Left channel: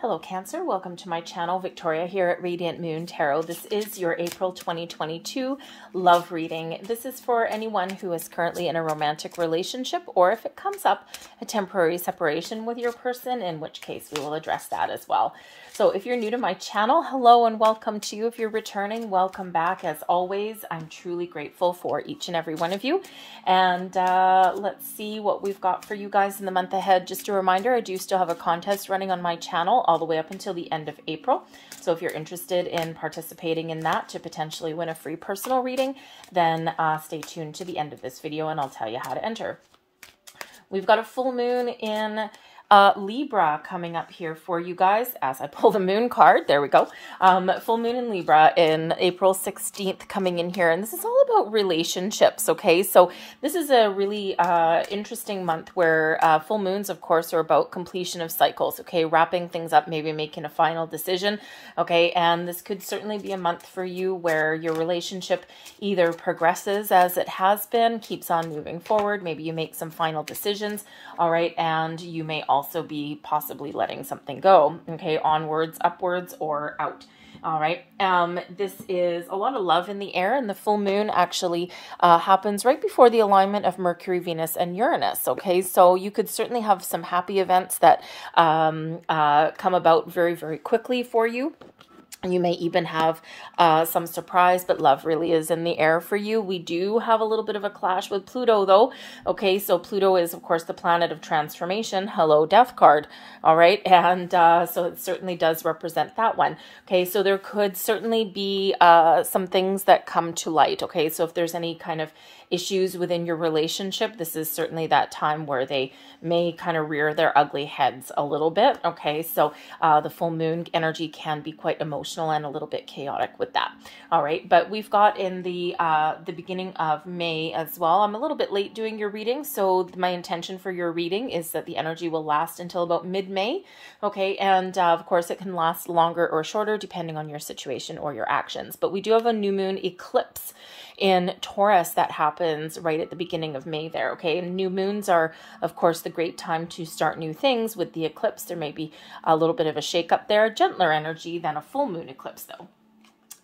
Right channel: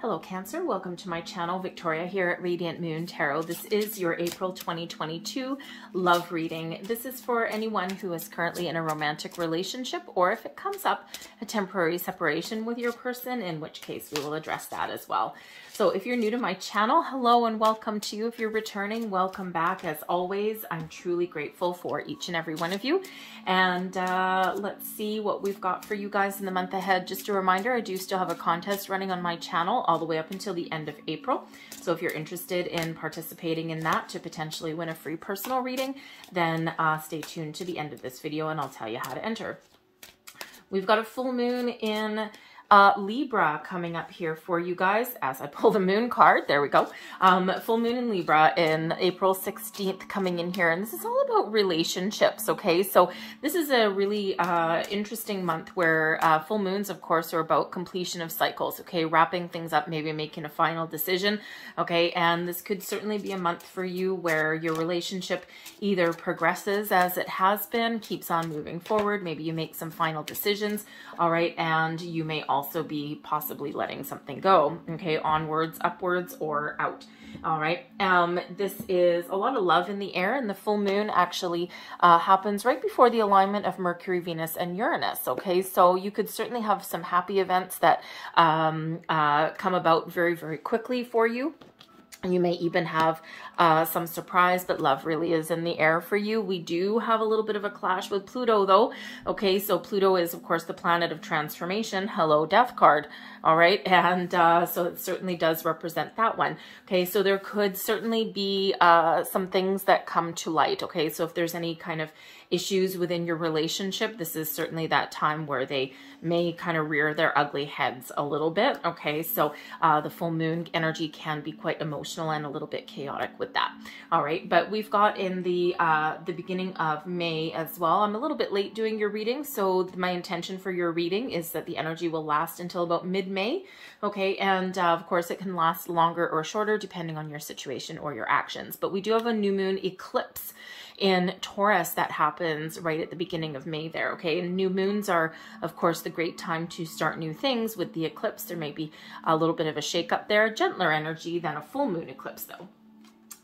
Hello Cancer, welcome to my channel. Victoria here at Radiant Moon Tarot. This is your April 2022 love reading. This is for anyone who is currently in a romantic relationship, or if it comes up, a temporary separation with your person, in which case we will address that as well. So if you're new to my channel, hello and welcome to you. If you're returning, welcome back. As always, I'm truly grateful for each and every one of you. And let's see what we've got for you guys in the month ahead. Just a reminder, I do still have a contest running on my channel all the way up until the end of April. So if you're interested in participating in that to potentially win a free personal reading, then stay tuned to the end of this video and I'll tell you how to enter. We've got a full moon in Libra coming up here for you guys as I pull the moon card. There we go. Full moon in Libra in April 16th coming in here. And this is all about relationships. Okay. So this is a really interesting month where full moons, of course, are about completion of cycles. Okay. Wrapping things up, maybe making a final decision. Okay. And this could certainly be a month for you where your relationship either progresses as it has been, keeps on moving forward. Maybe you make some final decisions. All right. And you may also be possibly letting something go. Okay. Onwards, upwards, or out. All right. This is a lot of love in the air, and the full moon actually happens right before the alignment of Mercury, Venus, and Uranus. Okay. So you could certainly have some happy events that come about very, very quickly for you. You may even have some surprise, but love really is in the air for you. We do have a little bit of a clash with Pluto, though. Okay, so Pluto is, of course, the planet of transformation. Hello, Death card. All right, and so it certainly does represent that one. Okay, so there could certainly be some things that come to light. Okay, so if there's any kind of issues within your relationship, this is certainly that time where they may kind of rear their ugly heads a little bit. Okay, so the full moon energy can be quite emotional and a little bit chaotic with that. All right, but we've got in the beginning of May as well. I'm a little bit late doing your reading, so my intention for your reading is that the energy will last until about mid-May. Okay, and of course it can last longer or shorter depending on your situation or your actions. But we do have a new moon eclipse in Taurus that happens right at the beginning of May there. Okay, and new moons are, of course, the great time to start new things. With the eclipse, there may be a little bit of a shake-up there, gentler energy than a full moon eclipse though.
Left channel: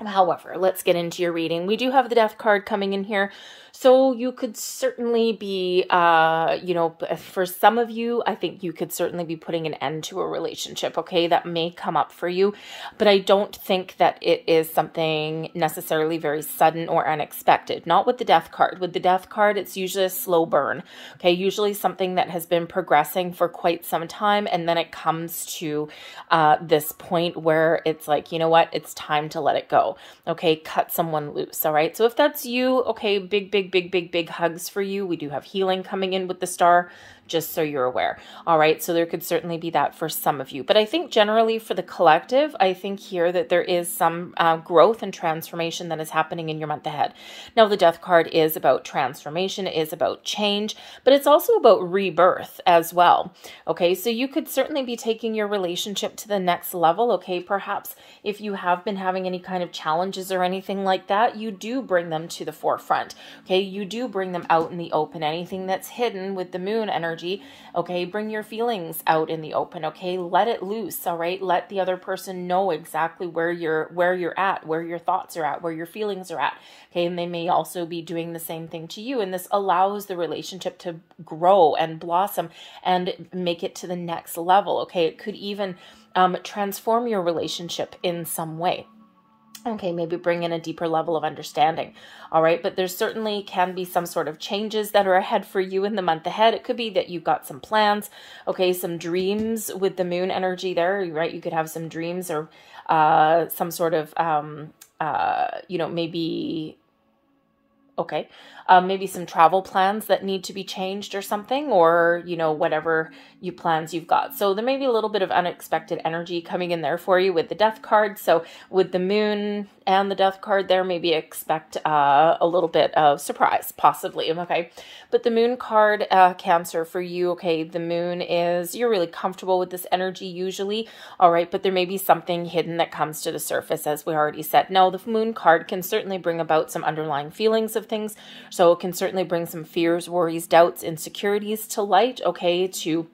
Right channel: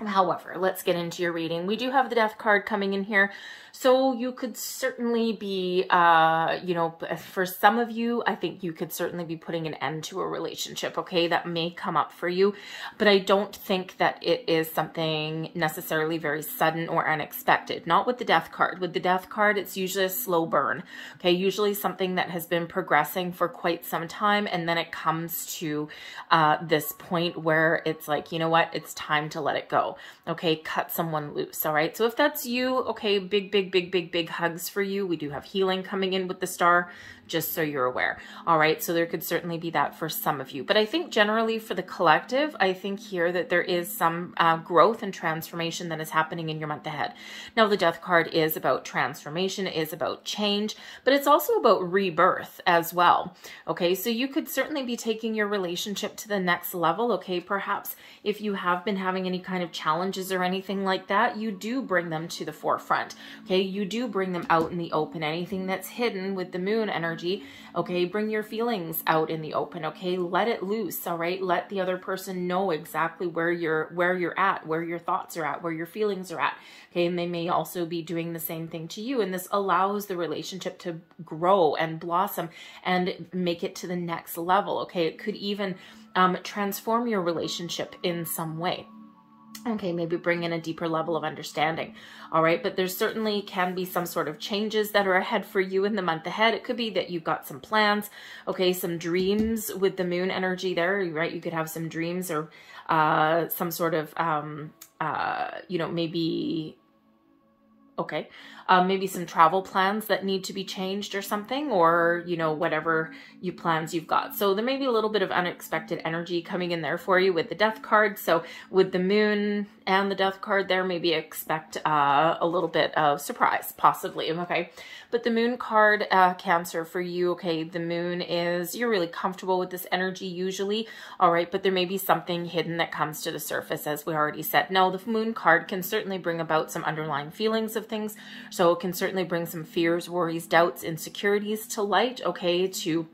However, let's get into your reading. We do have the Death card coming in here. So you could certainly be, you know, for some of you, I think you could certainly be putting an end to a relationship, okay? That may come up for you, but I don't think that it is something necessarily very sudden or unexpected. Not with the Death card. With the Death card, it's usually a slow burn, okay? Usually something that has been progressing for quite some time, and then it comes to this point where it's like, you know what? It's time to let it go, okay? Cut someone loose, all right? So if that's you, okay, big hugs for you. We do have healing coming in with the star, just so you're aware. All right, so there could certainly be that for some of you. But I think generally for the collective, I think here that there is some growth and transformation that is happening in your month ahead. Now, the Death card is about transformation, is about change, but it's also about rebirth as well. Okay, so you could certainly be taking your relationship to the next level. Okay, perhaps if you have been having any kind of challenges or anything like that, you do bring them to the forefront. Okay, you do bring them out in the open. Anything that's hidden with the moon energy, okay, bring your feelings out in the open. Okay, let it loose. All right, let the other person know exactly where you're at, where your thoughts are at, where your feelings are at. Okay, and they may also be doing the same thing to you, and this allows the relationship to grow and blossom and make it to the next level. Okay, it could even transform your relationship in some way. Okay, maybe bring in a deeper level of understanding. All right, but there certainly can be some sort of changes that are ahead for you in the month ahead. It could be that you've got some plans, okay, some dreams with the moon energy there, right? You could have some dreams or some sort of, you know, maybe, okay, maybe some travel plans that need to be changed or something, or, you know, whatever plans you've got. So there may be a little bit of unexpected energy coming in there for you with the Death card. So with the moon and the Death card there, maybe expect a little bit of surprise, possibly, okay? But the moon card, Cancer, for you, okay, the moon is, you're really comfortable with this energy usually, all right, but there may be something hidden that comes to the surface, as we already said. Now, the moon card can certainly bring about some underlying feelings of things, so it can certainly bring some fears, worries, doubts, insecurities to light, okay, to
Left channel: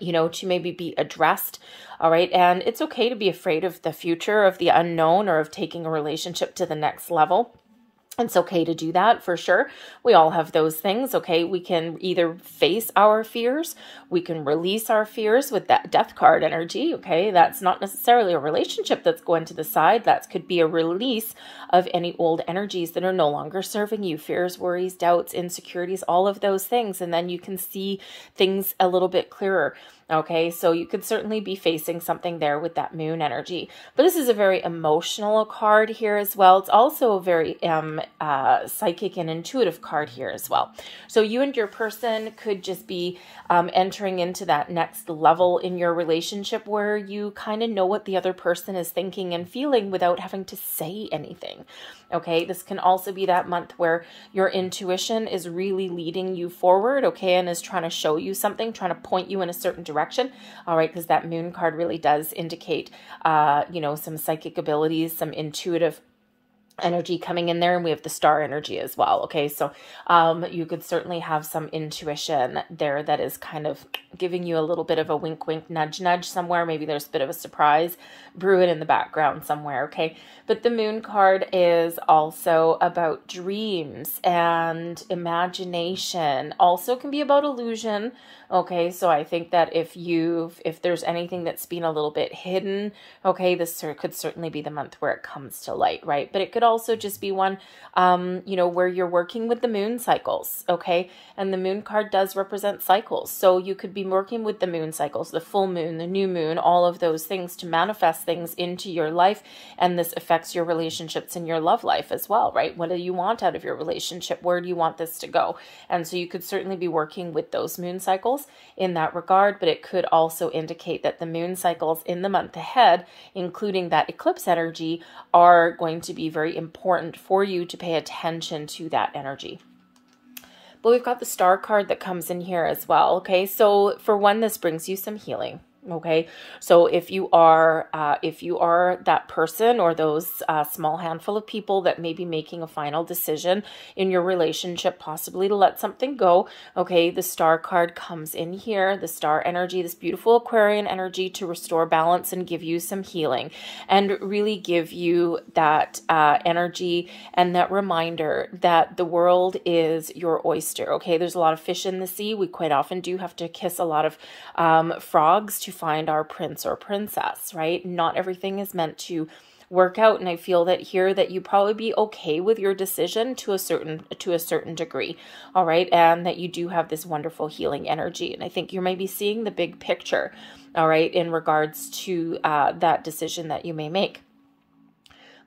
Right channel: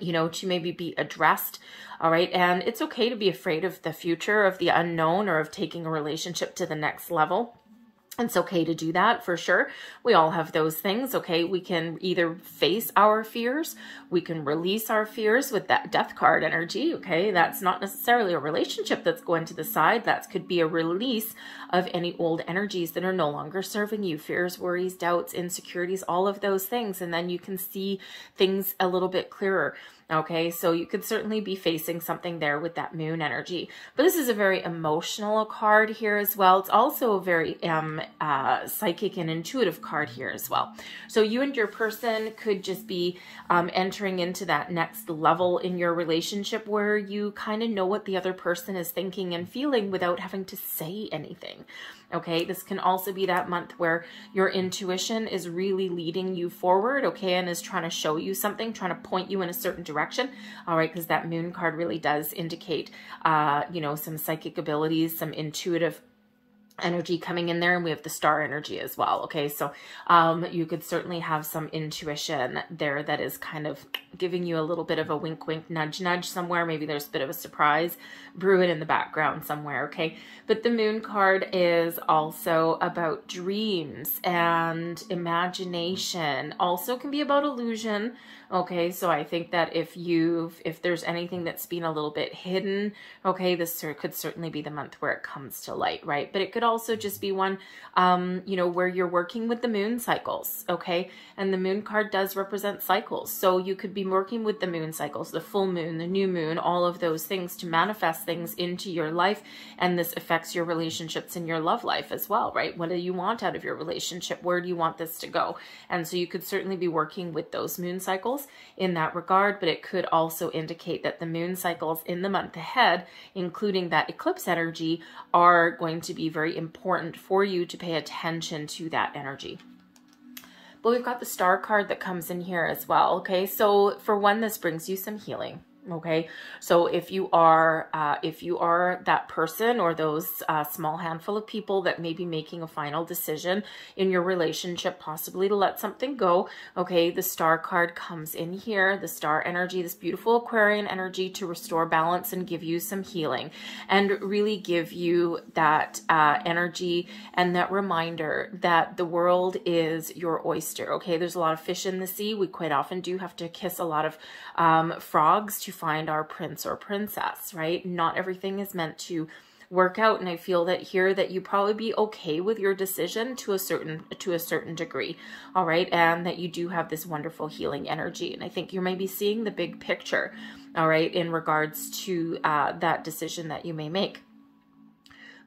you know, to maybe be addressed All right. And it's okay to be afraid of the future, of the unknown, or of taking a relationship to the next level. It's okay to do that for sure. We all have those things. Okay. We can either face our fears. We can release our fears with that death card energy. Okay. That's not necessarily a relationship that's going to the side. That could be a release of any old energies that are no longer serving you. Fears, worries, doubts, insecurities, all of those things. And then you can see things a little bit clearer. Okay, so you could certainly be facing something there with that moon energy. But this is a very emotional card here as well. It's also a very psychic and intuitive card here as well. So you and your person could just be entering into that next level in your relationship where you kind of know what the other person is thinking and feeling without having to say anything. Okay, this can also be that month where your intuition is really leading you forward, okay, and is trying to show you something, trying to point you in a certain direction, all right, because that moon card really does indicate, you know, some psychic abilities, some intuitive energy coming in there, and we have the star energy as well. Okay, so you could certainly have some intuition there that is kind of giving you a little bit of a wink wink nudge nudge somewhere. Maybe there's a bit of a surprise brewing in the background somewhere. Okay, but the moon card is also about dreams and imagination, also can be about illusion. Okay, so I think that if there's anything that's been a little bit hidden, okay, this could certainly be the month where it comes to light, right? But it could also just be one, you know, where you're working with the moon cycles, okay? And the moon card does represent cycles. So you could be working with the moon cycles, the full moon, the new moon, all of those things to manifest things into your life. And this affects your relationships and your love life as well, right? What do you want out of your relationship? Where do you want this to go? And so you could certainly be working with those moon cycles in that regard, but it could also indicate that the moon cycles in the month ahead, including that eclipse energy, are going to be very important for you to pay attention to that energy. But we've got the star card that comes in here as well. Okay, so for one, this brings you some healing. Okay, so if you are that person or those small handful of people that may be making a final decision in your relationship, possibly to let something go, okay, the star card comes in here, the star energy, this beautiful Aquarian energy to restore balance and give you some healing and really give you that energy and that reminder that the world is your oyster. Okay, there's a lot of fish in the sea. We quite often do have to kiss a lot of frogs to find our prince or princess, right? Not everything is meant to work out, and I feel that here that you probably be okay with your decision to a certain degree, all right, and that you do have this wonderful healing energy. And I think you may be seeing the big picture, all right, in regards to that decision that you may make.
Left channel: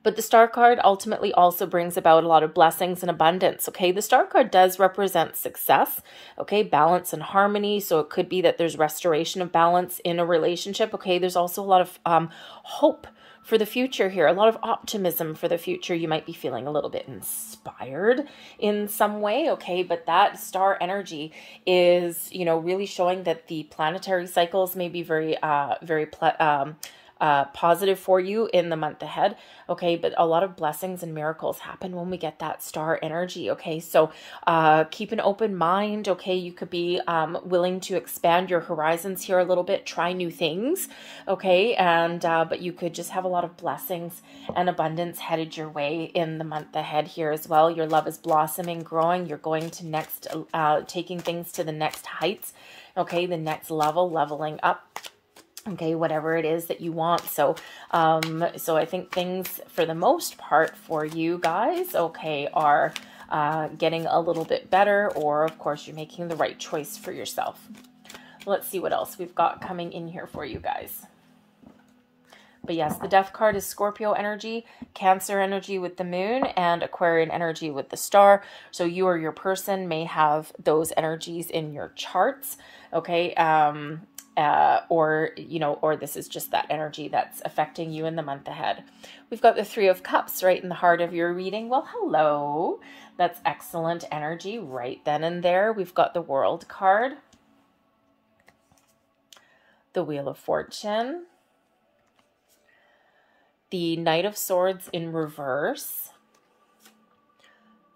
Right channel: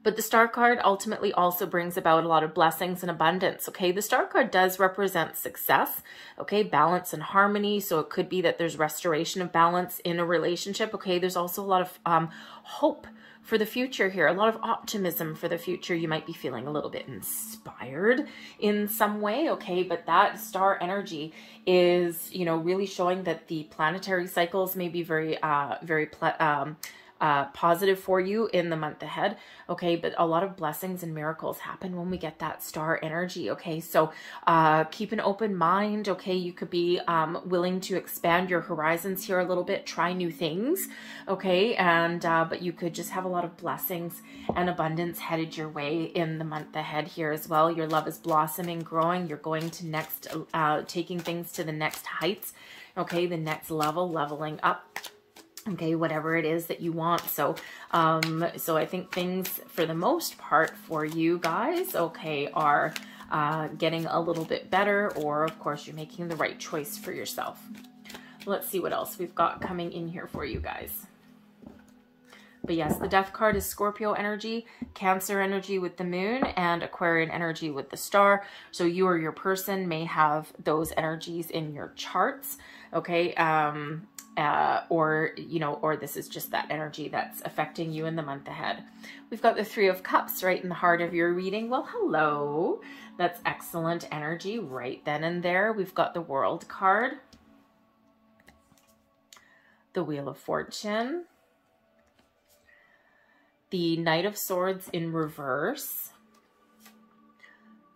But the star card ultimately also brings about a lot of blessings and abundance, okay? The star card does represent success, okay? Balance and harmony. So it could be that there's restoration of balance in a relationship, okay? There's also a lot of hope for the future here, a lot of optimism for the future. You might be feeling a little bit inspired in some way, okay? But that star energy is, you know, really showing that the planetary cycles may be very positive for you in the month ahead, okay? But a lot of blessings and miracles happen when we get that star energy, okay? So keep an open mind, okay? You could be willing to expand your horizons here a little bit, try new things, okay? And but you could just have a lot of blessings and abundance headed your way in the month ahead here as well. Your love is blossoming, growing. You're going to taking things to the next heights, okay? The next level, leveling up. Okay, whatever it is that you want. So, so I think things for the most part for you guys, okay, are getting a little bit better, or of course you're making the right choice for yourself. Let's see what else we've got coming in here for you guys. But yes, the death card is Scorpio energy, Cancer energy with the moon, and Aquarian energy with the star. So you or your person may have those energies in your charts, okay? Or, you know, or this is just that energy that's affecting you in the month ahead. We've got the Three of Cups right in the heart of your reading. Well, hello. That's excellent energy right then and there. We've got the World card, the Wheel of Fortune, the Knight of Swords in reverse,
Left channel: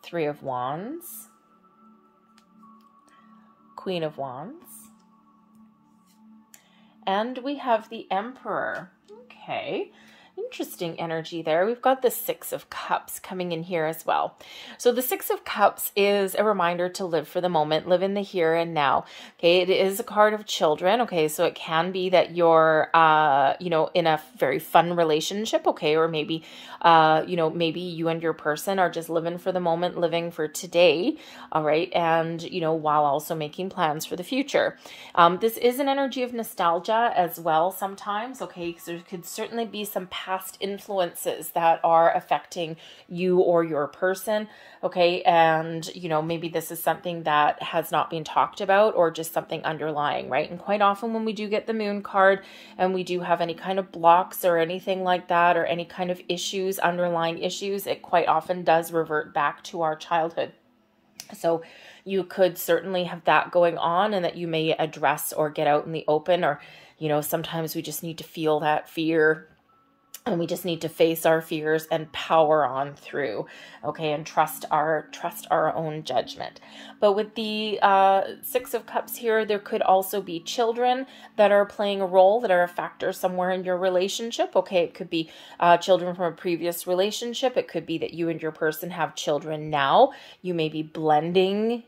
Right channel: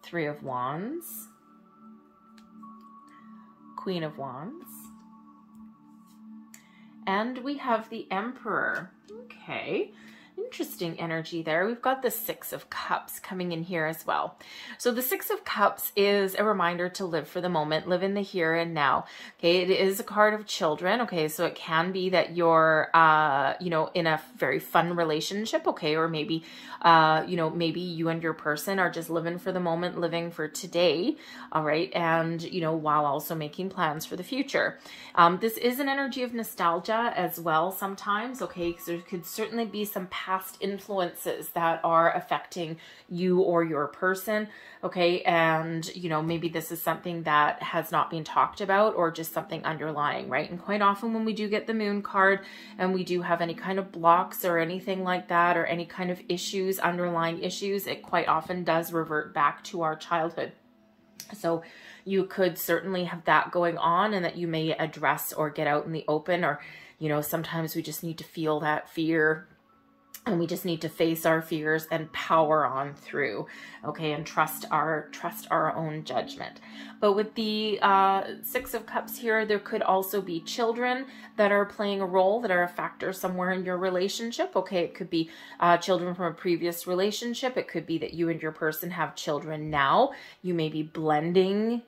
Three of Wands, Queen of Wands, And we have the Emperor. Okay. Interesting energy there. We've got the Six of Cups coming in here as well. So the Six of Cups is a reminder to live for the moment, live in the here and now. Okay, it is a card of children. Okay, so it can be that you're, you know, in a very fun relationship. Okay, or maybe, you know, maybe you and your person are just living for the moment, living for today. All right, and you know, while also making plans for the future. This is an energy of nostalgia as well sometimes. Okay, so there could certainly be some past influences that are affecting you or your person. Okay, and you know, maybe this is something that has not been talked about or just something underlying, right? And quite often when we do get the Moon card and we do have any kind of blocks or anything like that, or any kind of issues, underlying issues, it quite often does revert back to our childhood. So you could certainly have that going on, and that you may address or get out in the open, or, you know, sometimes we just need to feel that fear and we just need to face our fears and power on through, okay, and trust our own judgment. But with the Six of Cups here, there could also be children that are playing a role, that are a factor somewhere in your relationship. Okay, it could be children from a previous relationship. It could be that you and your person have children now. You may be blending,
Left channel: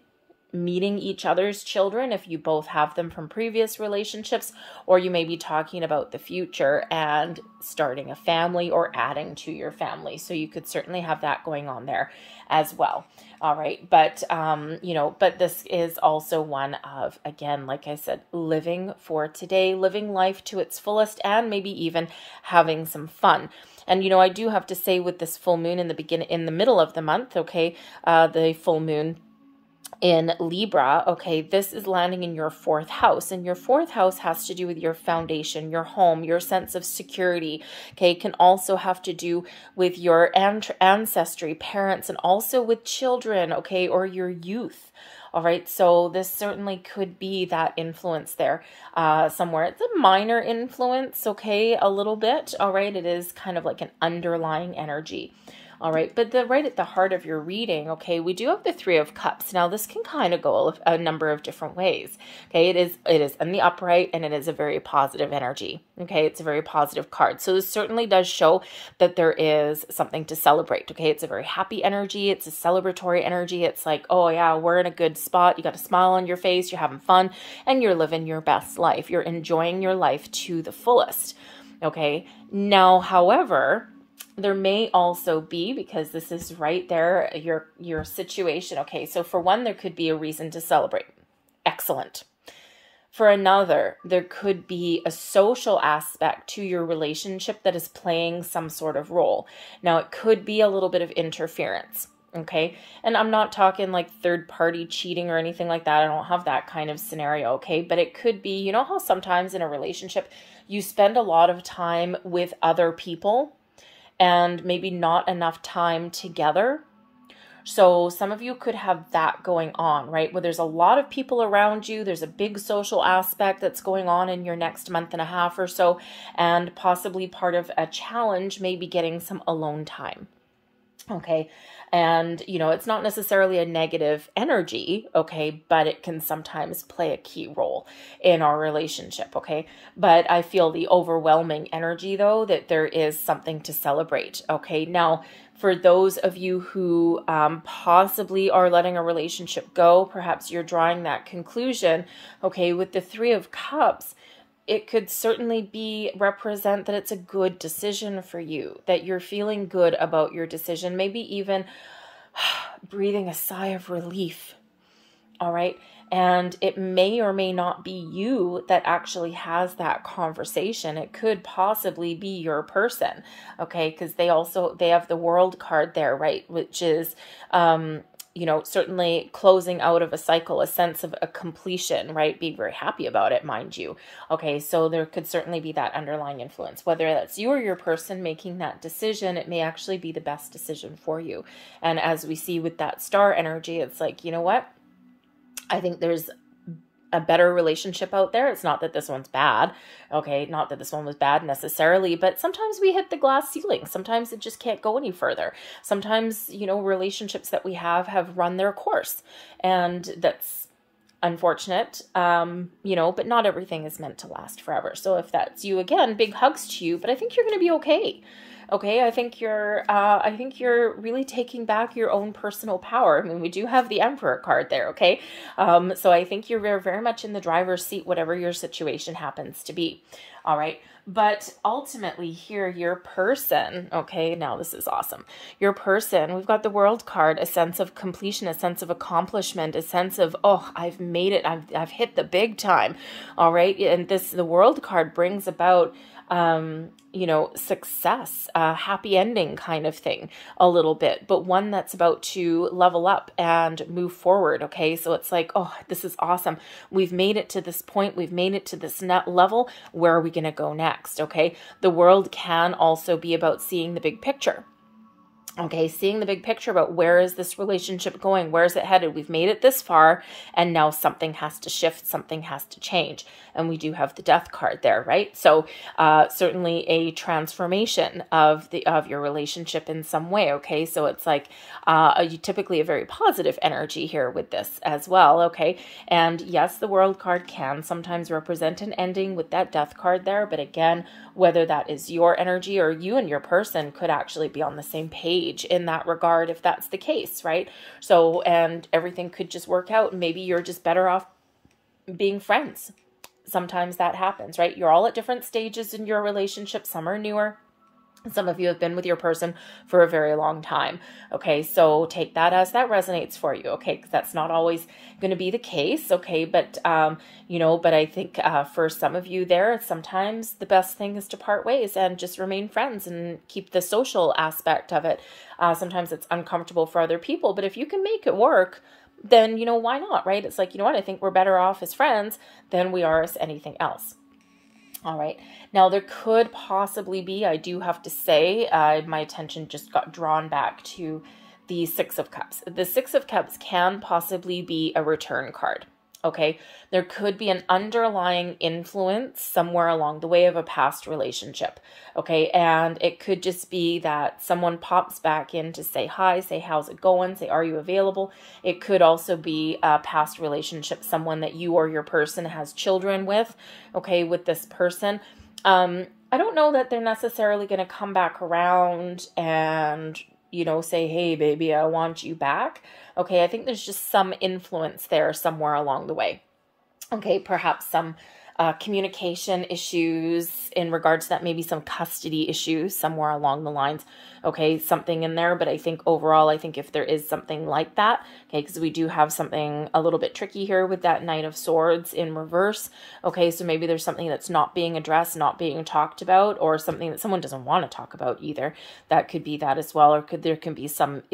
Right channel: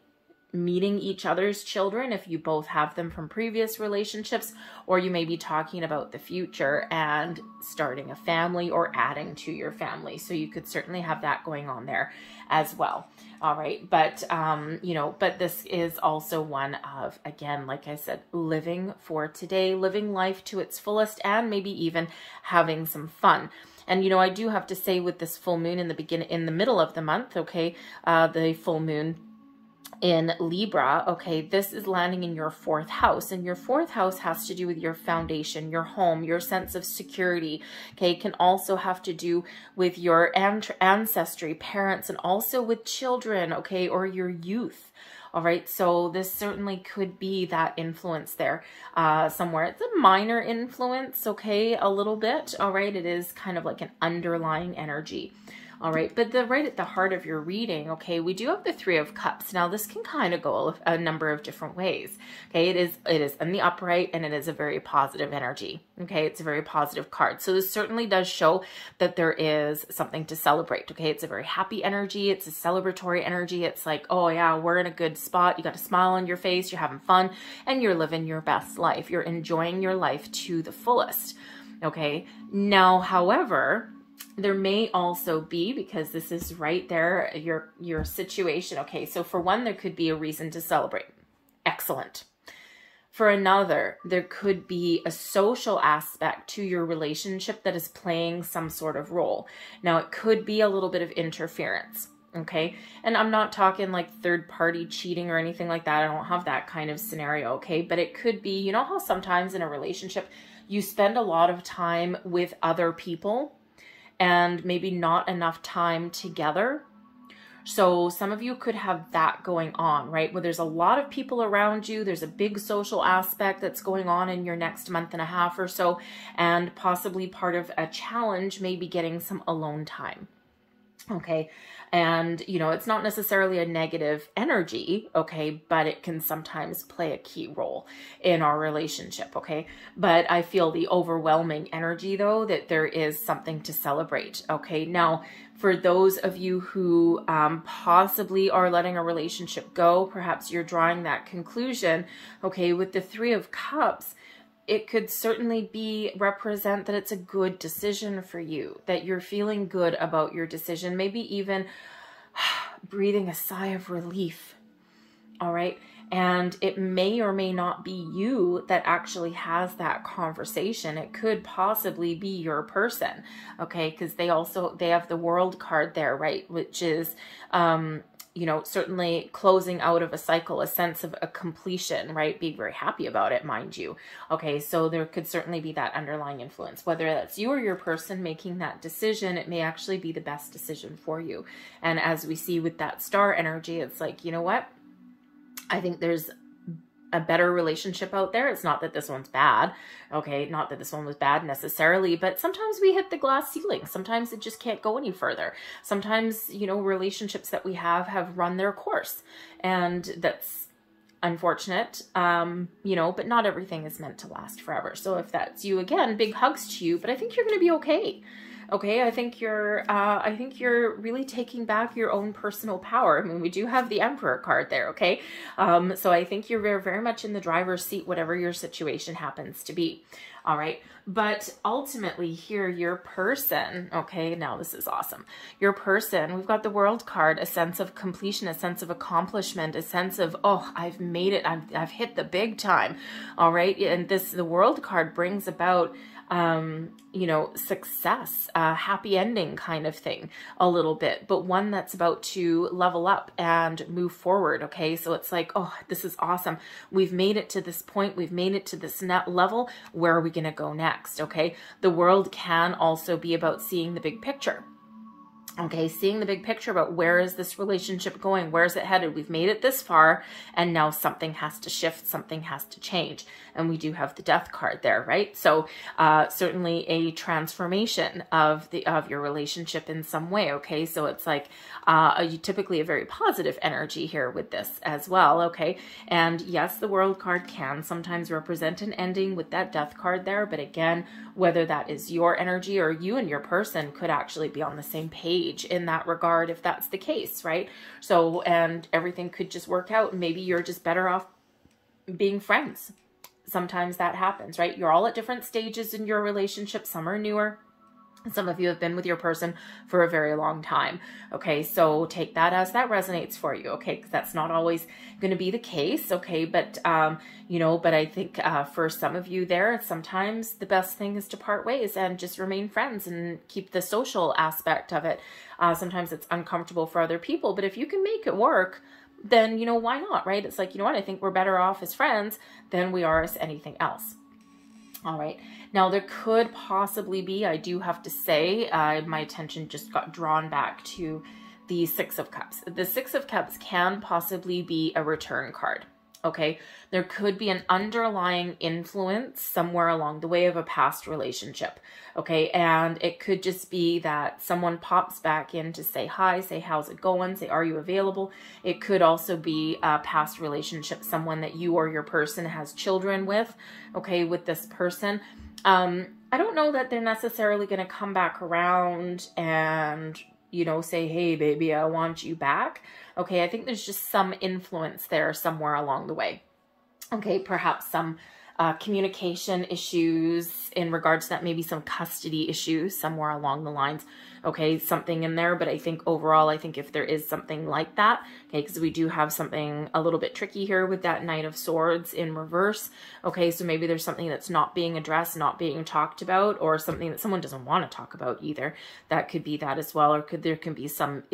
meeting each other's children if you both have them from previous relationships, or you may be talking about the future and starting a family or adding to your family. So you could certainly have that going on there as well. All right. But, you know, but this is also one of, again, like I said, living for today, living life to its fullest, and maybe even having some fun. And, you know, I do have to say, with this full moon in the middle of the month, okay, the full moon in Libra, okay, this is landing in your fourth house, and your fourth house has to do with your foundation, your home, your sense of security. Okay, it can also have to do with your ancestry, parents, and also with children, okay, or your youth. All right, so this certainly could be that influence there somewhere. It's a minor influence, okay, a little bit. All right, it is kind of like an underlying energy. All right, but right at the heart of your reading, okay, we do have the Three of Cups. Now, this can kind of go a number of different ways. Okay, it is in the upright, and it is a very positive energy. Okay, it's a very positive card. So this certainly does show that there is something to celebrate. Okay, it's a very happy energy. It's a celebratory energy. It's like, oh yeah, we're in a good spot. You got a smile on your face. You're having fun, and you're living your best life. You're enjoying your life to the fullest. Okay, now, however, there may also be, because this is right there, your situation. Okay, so for one, there could be a reason to celebrate. Excellent. For another, there could be a social aspect to your relationship that is playing some sort of role. Now, it could be a little bit of interference. Okay, and I'm not talking like third party cheating or anything like that. I don't have that kind of scenario. Okay, but it could be, you know how sometimes in a relationship you spend a lot of time with other people and maybe not enough time together. So some of you could have that going on, right? Where there's a lot of people around you. There's a big social aspect that's going on in your next month and a half or so. And possibly part of a challenge may be getting some alone time. Okay. And, you know, it's not necessarily a negative energy, okay, but it can sometimes play a key role in our relationship, okay? But I feel the overwhelming energy, though, that there is something to celebrate, okay? Now, for those of you who possibly are letting a relationship go, perhaps you're drawing that conclusion, okay, with the Three of Cups, it could certainly represent that it's a good decision for you, that you're feeling good about your decision, maybe even breathing a sigh of relief. All right. And it may or may not be you that actually has that conversation. It could possibly be your person. Okay. Because they have the World card there, right? Which is, you know, certainly closing out of a cycle, a sense of a completion, right? Being very happy about it, mind you. Okay, so there could certainly be that underlying influence. Whether that's you or your person making that decision, it may actually be the best decision for you. And as we see with that star energy, it's like, you know what? I think there's a better relationship out there. It's not that this one's bad. Okay, not that this one was bad necessarily, but sometimes we hit the glass ceiling. Sometimes it just can't go any further. Sometimes, you know, relationships that we have run their course, and that's unfortunate, you know, but not everything is meant to last forever. So if that's you, again, big hugs to you, but I think you're going to be okay. Okay, I think you're really taking back your own personal power. I mean, we do have the Emperor card there, okay? So I think you're very, very much in the driver's seat, whatever your situation happens to be. All right. But ultimately here, your person, okay, now this is awesome. Your person, we've got the World card, a sense of completion, a sense of accomplishment, a sense of, oh, I've made it. I've hit the big time. All right. And the World card brings about, you know, success, happy ending kind of thing a little bit, but one that's about to level up and move forward. Okay. So it's like, oh, this is awesome. We've made it to this point. We've made it to this level. Where are we going to go next? Okay. The World can also be about seeing the big picture. Okay, seeing the big picture about where is this relationship going? Where is it headed? We've made it this far, and now something has to shift, something has to change. And we do have the Death card there, right? So certainly a transformation of your relationship in some way, okay? So it's like typically a very positive energy here with this as well, okay? And yes, the World card can sometimes represent an ending with that Death card there, but again, whether that is your energy or you and your person could actually be on the same page in that regard if that's the case, right? So, and everything could just work out, and maybe you're just better off being friends. Sometimes that happens, right? You're all at different stages in your relationship. Some are newer. Some of you have been with your person for a very long time. Okay, so take that as that resonates for you. Okay, because that's not always going to be the case. Okay, but you know, but I think for some of you there, sometimes the best thing is to part ways and just remain friends and keep the social aspect of it. Sometimes it's uncomfortable for other people, but if you can make it work, then, you know, why not, right? It's like, you know what, I think we're better off as friends than we are as anything else. All right. Now there could possibly be, I do have to say, my attention just got drawn back to the Six of Cups. The Six of Cups can possibly be a return card. Okay. There could be an underlying influence somewhere along the way of a past relationship. Okay. And it could just be that someone pops back in to say hi, say, how's it going? Say, are you available? It could also be a past relationship, someone that you or your person has children with. Okay. With this person. I don't know that they're necessarily going to come back around and, you know, say, hey, baby, I want you back. Okay, I think there's just some influence there somewhere along the way. Okay, perhaps some communication issues in regards to that, maybe some custody issues somewhere along the lines. Okay, something in there, but I think overall, I think if there is something like that, okay, because we do have something a little bit tricky here with that Knight of Swords in reverse. Okay, so maybe there's something that's not being addressed, not being talked about, or something that someone doesn't want to talk about either. That could be that as well, or there can be some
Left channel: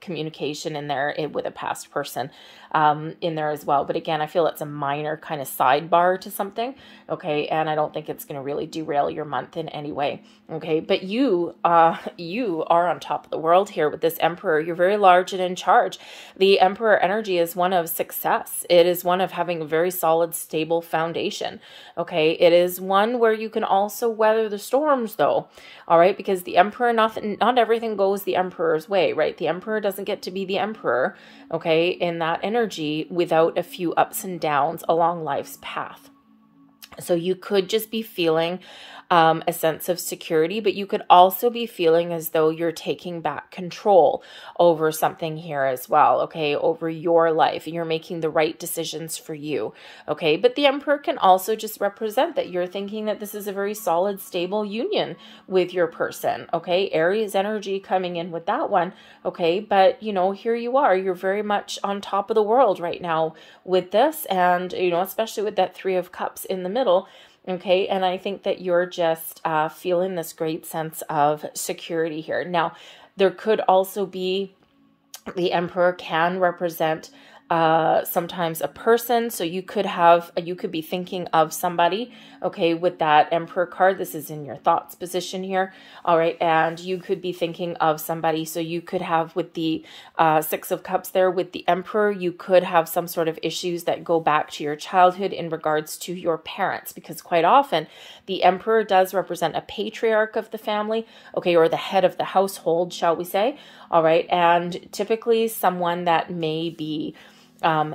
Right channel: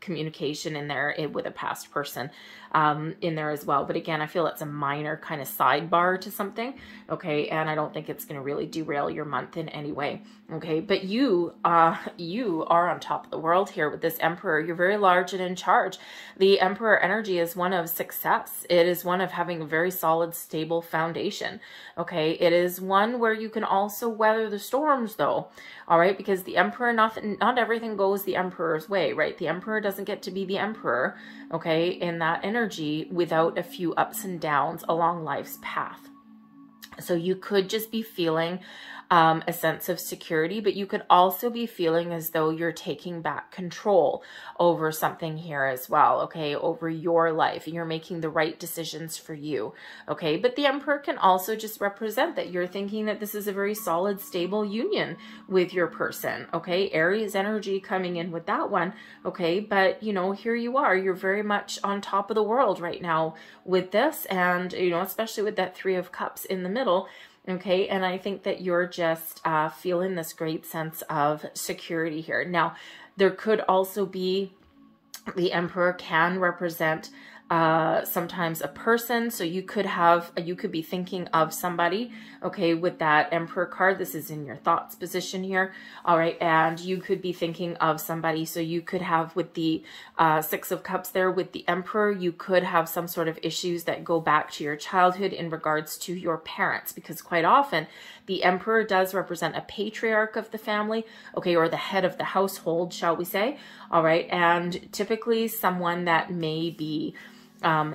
communication in there with a past person in there as well. But again, I feel it's a minor kind of sidebar to something. Okay, and I don't think it's going to really derail your month in any way. Okay, but you are on top of the world here with this Emperor. You're very large and in charge. The Emperor energy is one of success. It is one of having a very solid, stable foundation. Okay, it is one where you can also weather the storms though. All right, because the Emperor, not everything goes the Emperor's way, right? The Emperor doesn't get to be the Emperor, okay, in that energy without a few ups and downs along life's path. So you could just be feeling a sense of security, but you could also be feeling as though you're taking back control over something here as well, okay, over your life, and you're making the right decisions for you, okay? But the Emperor can also just represent that you're thinking that this is a very solid, stable union with your person, okay? Aries energy coming in with that one, okay? But, you know, here you are, you're very much on top of the world right now with this, and, you know, especially with that Three of Cups in the middle. Okay, and I think that you're just feeling this great sense of security here. Now, there could also be, the Emperor can represent sometimes a person. So you could be thinking of somebody, okay, with that Emperor card. This is in your thoughts position here. All right. And you could be thinking of somebody. So you could have with the Six of Cups there with the Emperor, you could have some sort of issues that go back to your childhood in regards to your parents, because quite often the Emperor does represent a patriarch of the family, okay, or the head of the household, shall we say. All right. And typically someone that may be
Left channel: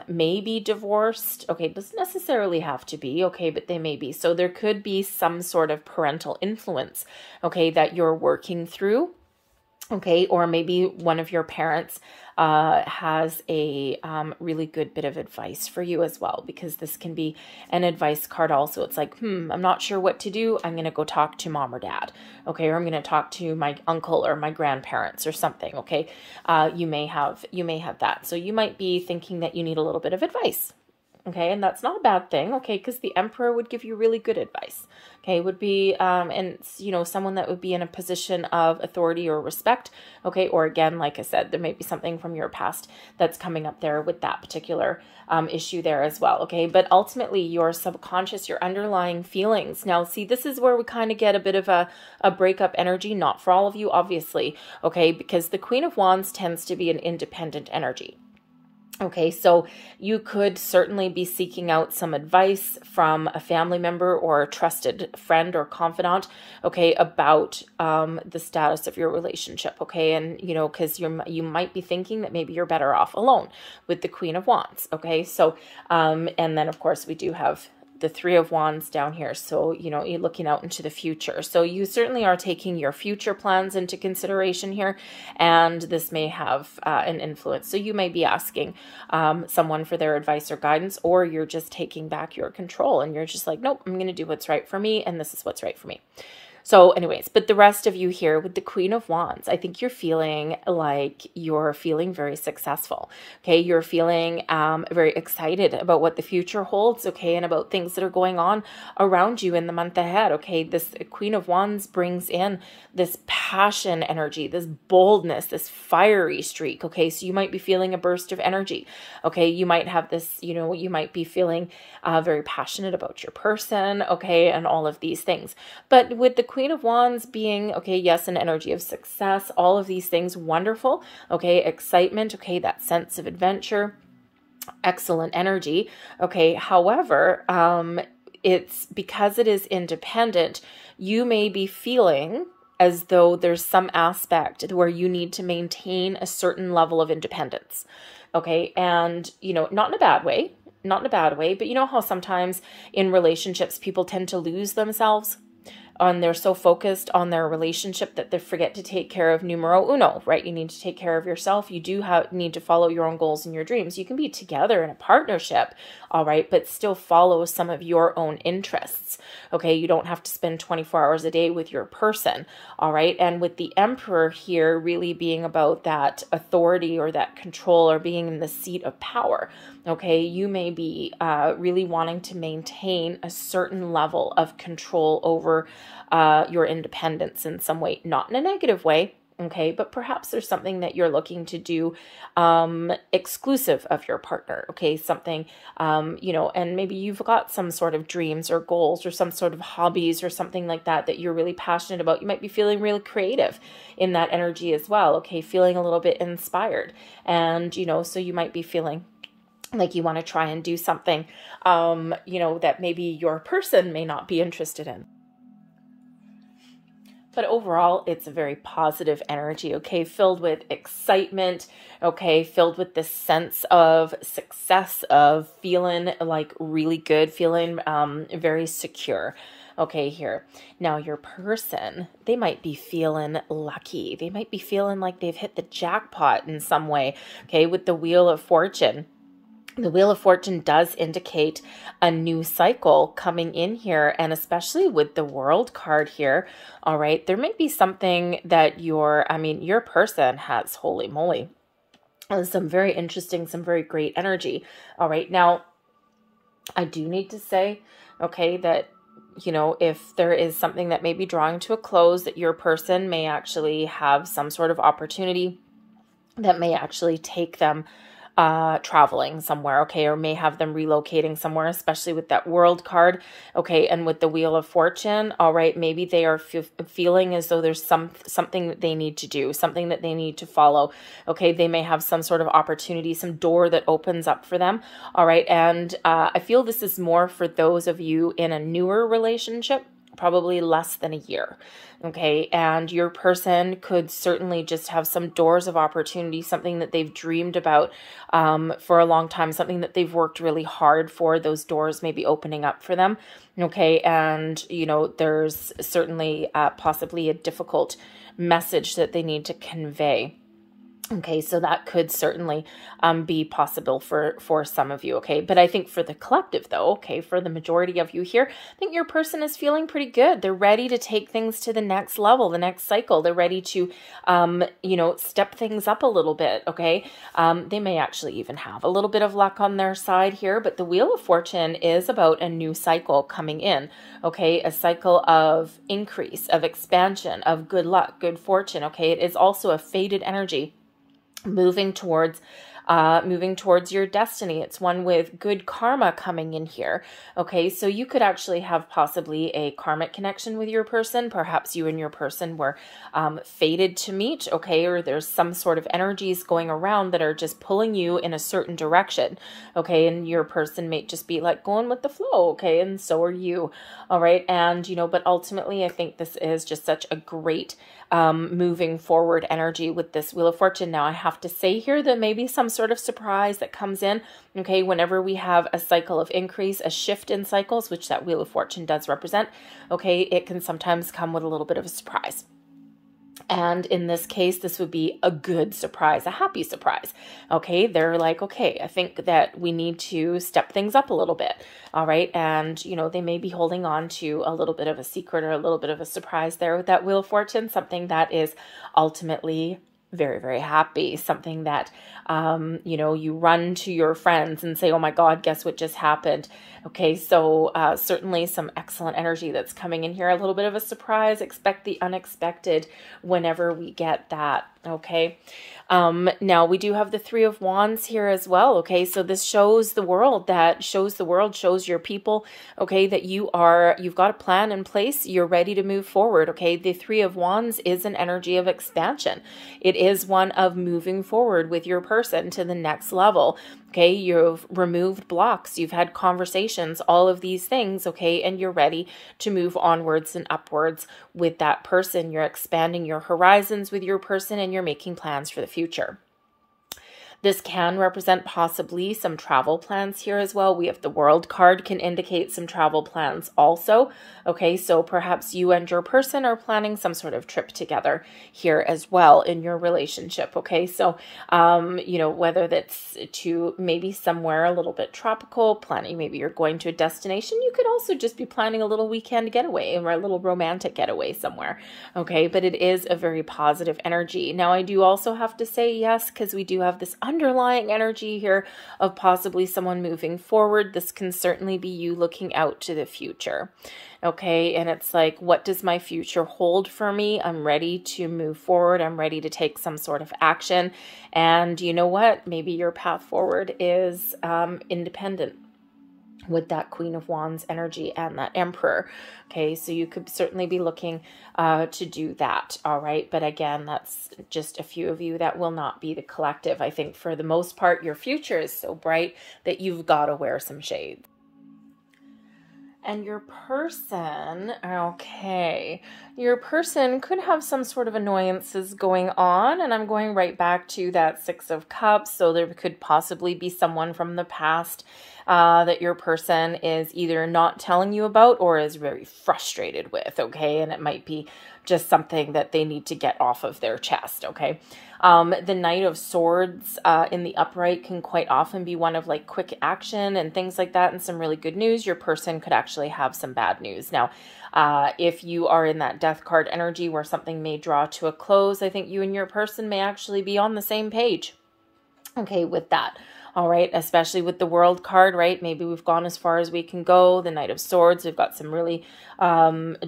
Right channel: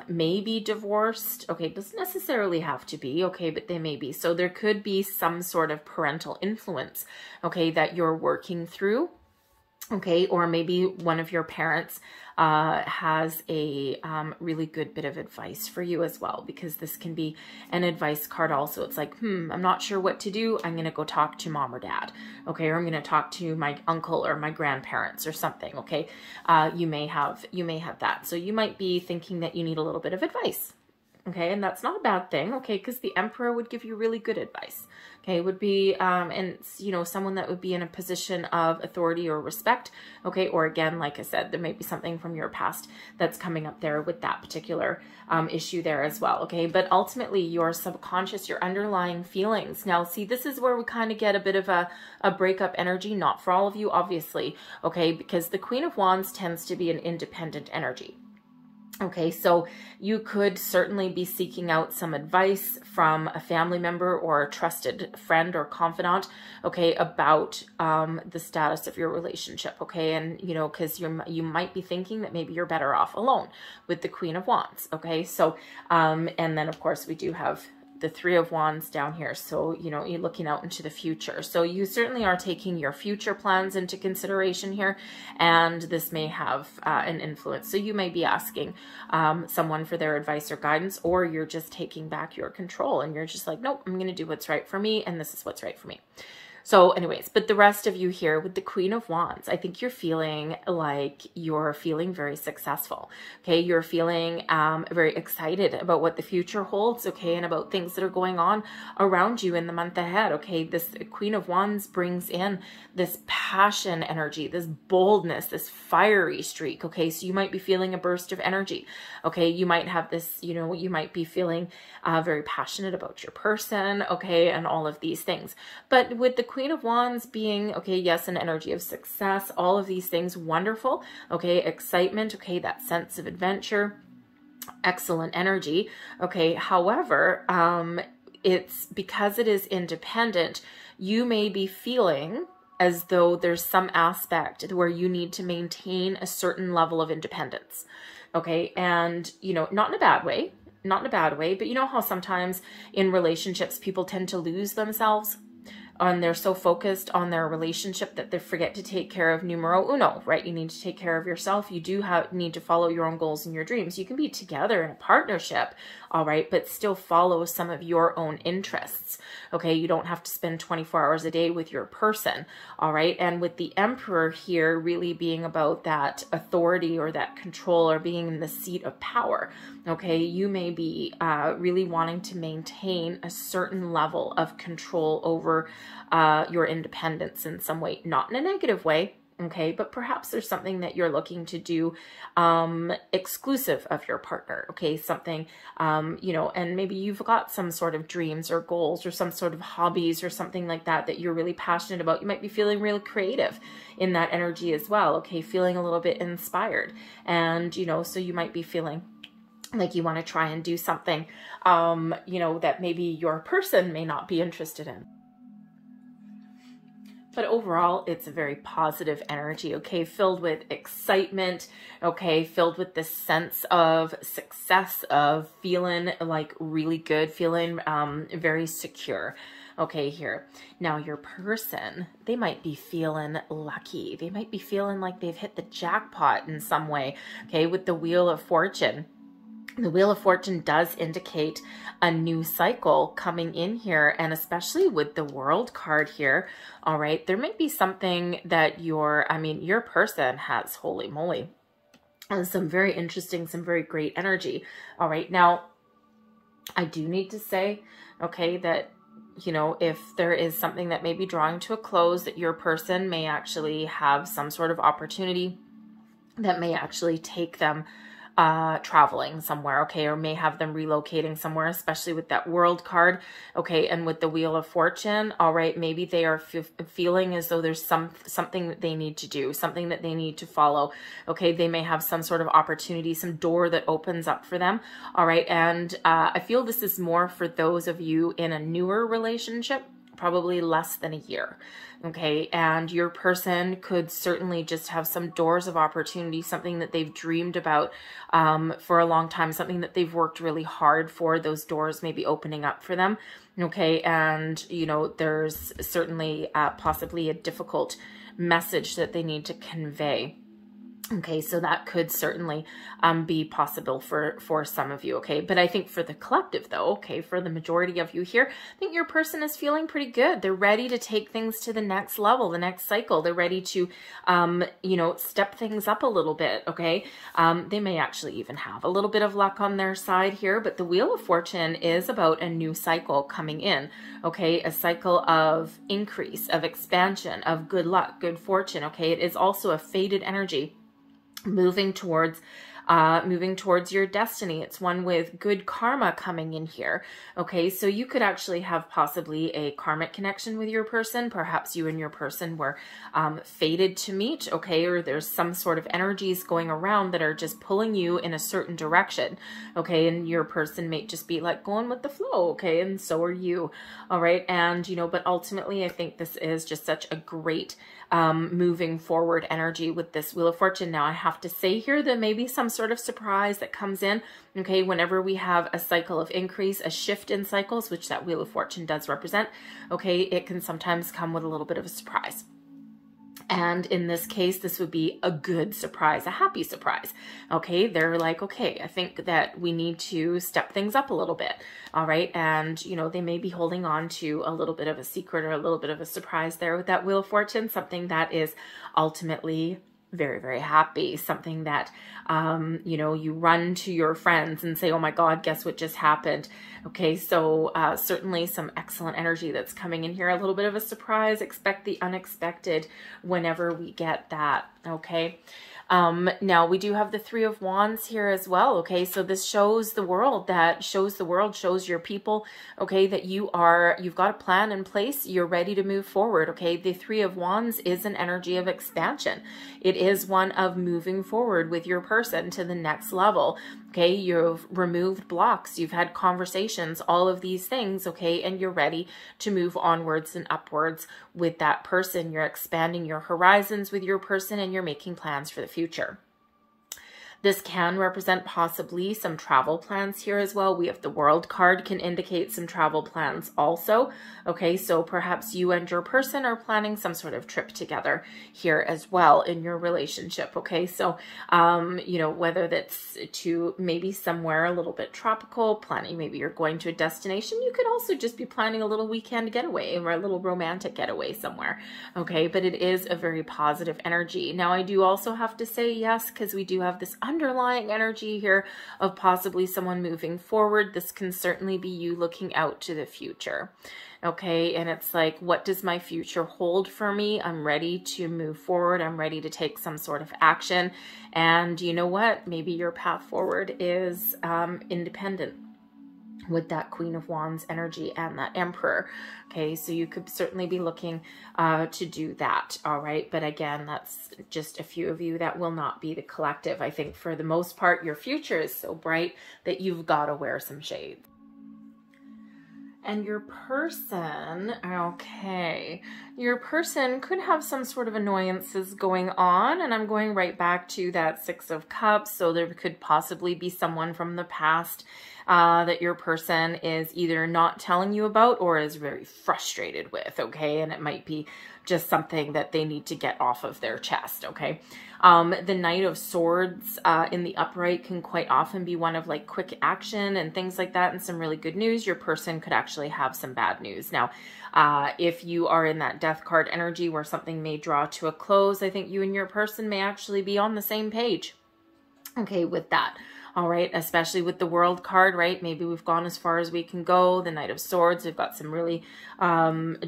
may be divorced. Okay, doesn't necessarily have to be, okay, but they may be. So there could be some sort of parental influence, okay, that you're working through. Okay, or maybe one of your parents has a really good bit of advice for you as well, because this can be an advice card also. It's like, I'm not sure what to do. I'm going to go talk to mom or dad. Okay, or I'm going to talk to my uncle or my grandparents or something. Okay, you may have that. So you might be thinking that you need a little bit of advice. Okay, and that's not a bad thing. Okay, because the Emperor would give you really good advice. Okay, would be, and you know, someone that would be in a position of authority or respect. Okay, or again, like I said, there may be something from your past that's coming up there with that particular issue there as well. Okay, but ultimately your subconscious, your underlying feelings. Now, see, this is where we kind of get a bit of a breakup energy, not for all of you, obviously. Okay, because the Queen of Wands tends to be an independent energy. Okay, so you could certainly be seeking out some advice from a family member or a trusted friend or confidant, okay, about the status of your relationship, okay? And, you know, because you might be thinking that maybe you're better off alone with the Queen of Wands, okay? So, and then, of course, we do have the Three of Wands down here. So, you know, you're looking out into the future. So you certainly are taking your future plans into consideration here, and this may have an influence. So you may be asking someone for their advice or guidance, or you're just taking back your control and you're just like, nope, I'm going to do what's right for me, and this is what's right for me. So anyways, but the rest of you here with the Queen of Wands, I think you're feeling like you're feeling very successful. Okay, you're feeling very excited about what the future holds, okay, and about things that are going on around you in the month ahead. Okay, this Queen of Wands brings in this passion energy, this boldness, this fiery streak. Okay, so you might be feeling a burst of energy. Okay, you might have this, you know, you might be feeling very passionate about your person, okay, and all of these things. But with the Queen of Wands being, okay, yes, an energy of success, all of these things, wonderful, okay, excitement, okay, that sense of adventure, excellent energy, okay. However, it's because it is independent, you may be feeling as though there's some aspect where you need to maintain a certain level of independence, okay, and, you know, not in a bad way, but you know how sometimes in relationships people tend to lose themselves and they're so focused on their relationship that they forget to take care of numero uno, right? You need to take care of yourself. You do need to follow your own goals and your dreams. You can be together in a partnership, all right, but still follow some of your own interests, okay? You don't have to spend 24 hours a day with your person, all right? And with the Emperor here really being about that authority or that control or being in the seat of power, okay, you may be really wanting to maintain a certain level of control over your independence in some way, not in a negative way, okay, but perhaps there's something that you're looking to do exclusive of your partner, okay, something, you know, and maybe you've got some sort of dreams or goals or some sort of hobbies or something like that that you're really passionate about. You might be feeling really creative in that energy as well, okay, feeling a little bit inspired, and, you know, so you might be feeling like you want to try and do something, you know, that maybe your person may not be interested in. But overall, it's a very positive energy, okay, filled with excitement, okay, filled with this sense of success, of feeling like really good, feeling very secure. Okay, here. Now your person, they might be feeling lucky. They might be feeling like they've hit the jackpot in some way, okay, with the Wheel of Fortune. The Wheel of Fortune does indicate a new cycle coming in here, and especially with the World card here, all right, there may be something that your person has, holy moly, and some very interesting, some very great energy, all right. Now, I do need to say, okay, that, you know, if there is something that may be drawing to a close, that your person may actually have some sort of opportunity that may actually take them traveling somewhere, okay, or may have them relocating somewhere, especially with that World card, okay, and with the Wheel of Fortune, all right, maybe they are feeling as though there's something that they need to do, something that they need to follow, okay, they may have some sort of opportunity, some door that opens up for them, all right, and I feel this is more for those of you in a newer relationship, probably less than a year. Okay, and your person could certainly just have some doors of opportunity, something that they've dreamed about for a long time, something that they've worked really hard for. Those doors may be opening up for them. Okay, and there's certainly possibly a difficult message that they need to convey. Okay, so that could certainly be possible for some of you, okay? But I think for the collective, though, okay, for the majority of you here, I think your person is feeling pretty good. They're ready to take things to the next level, the next cycle. They're ready to, step things up a little bit, okay? They may actually even have a little bit of luck on their side here, but the Wheel of Fortune is about a new cycle coming in, okay? A cycle of increase, of expansion, of good luck, good fortune, okay? It is also a faded energy moving towards your destiny. It's one with good karma coming in here. Okay, so you could actually have possibly a karmic connection with your person. Perhaps you and your person were fated to meet, okay, or there's some sort of energies going around that are just pulling you in a certain direction, okay, and your person may just be like going with the flow, okay, and so are you, all right, and but ultimately I think this is just such a great moving forward energy with this Wheel of Fortune. Now I have to say here that maybe some sort of surprise that comes in, okay, whenever we have a cycle of increase, a shift in cycles, which that Wheel of Fortune does represent, okay, it can sometimes come with a little bit of a surprise. And in this case, this would be a good surprise, a happy surprise. Okay, they're like, okay, I think that we need to step things up a little bit. All right, and they may be holding on to a little bit of a secret or a little bit of a surprise there with that Wheel of Fortune, something that is ultimately very, very happy, something that you run to your friends and say, oh my God, guess what just happened? Okay, so certainly some excellent energy that's coming in here, a little bit of a surprise. Expect the unexpected whenever we get that, okay? Now we do have the Three of Wands here as well, okay? So this shows the world, shows your people, okay, that you've got a plan in place, you're ready to move forward, okay? The Three of Wands is an energy of expansion. It is one of moving forward with your person to the next level, okay? You've removed blocks, you've had conversations, all of these things, okay? And you're ready to move onwards and upwards with that person. You're expanding your horizons with your person and you're making plans for the future. This can represent possibly some travel plans here as well. We have the World card, can indicate some travel plans also. Okay, so perhaps you and your person are planning some sort of trip together here as well in your relationship. Okay, so, whether that's to maybe somewhere a little bit tropical, planning, maybe you're going to a destination. You could also just be planning a little weekend getaway or a little romantic getaway somewhere. Okay, but it is a very positive energy. Now, I do also have to say yes, because we do have this underlying energy here of possibly someone moving forward. This can certainly be you looking out to the future. Okay, and it's like, what does my future hold for me? I'm ready to move forward. I'm ready to take some sort of action. And you know what? Maybe your path forward is independent with that Queen of Wands energy and that Emperor. Okay, so you could certainly be looking to do that, all right? But again, that's just a few of you. That will not be the collective. I think for the most part, your future is so bright that you've got to wear some shades. And your person, okay, your person could have some sort of annoyances going on. And I'm going right back to that Six of Cups. So there could possibly be someone from the past that your person is either not telling you about or is very frustrated with, okay? And it might be just something that they need to get off of their chest, okay? The Knight of Swords in the upright can quite often be one of like quick action and things like that and some really good news. Your person could actually have some bad news. Now, if you are in that Death card energy where something may draw to a close, I think you and your person may actually be on the same page, okay, with that. All right, especially with the World card, right? Maybe we've gone as far as we can go. The Knight of Swords, we've got some really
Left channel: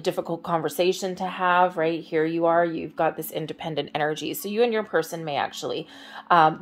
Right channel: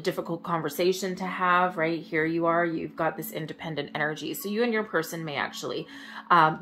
difficult conversation to have, right? Here you are, you've got this independent energy. So you and your person may actually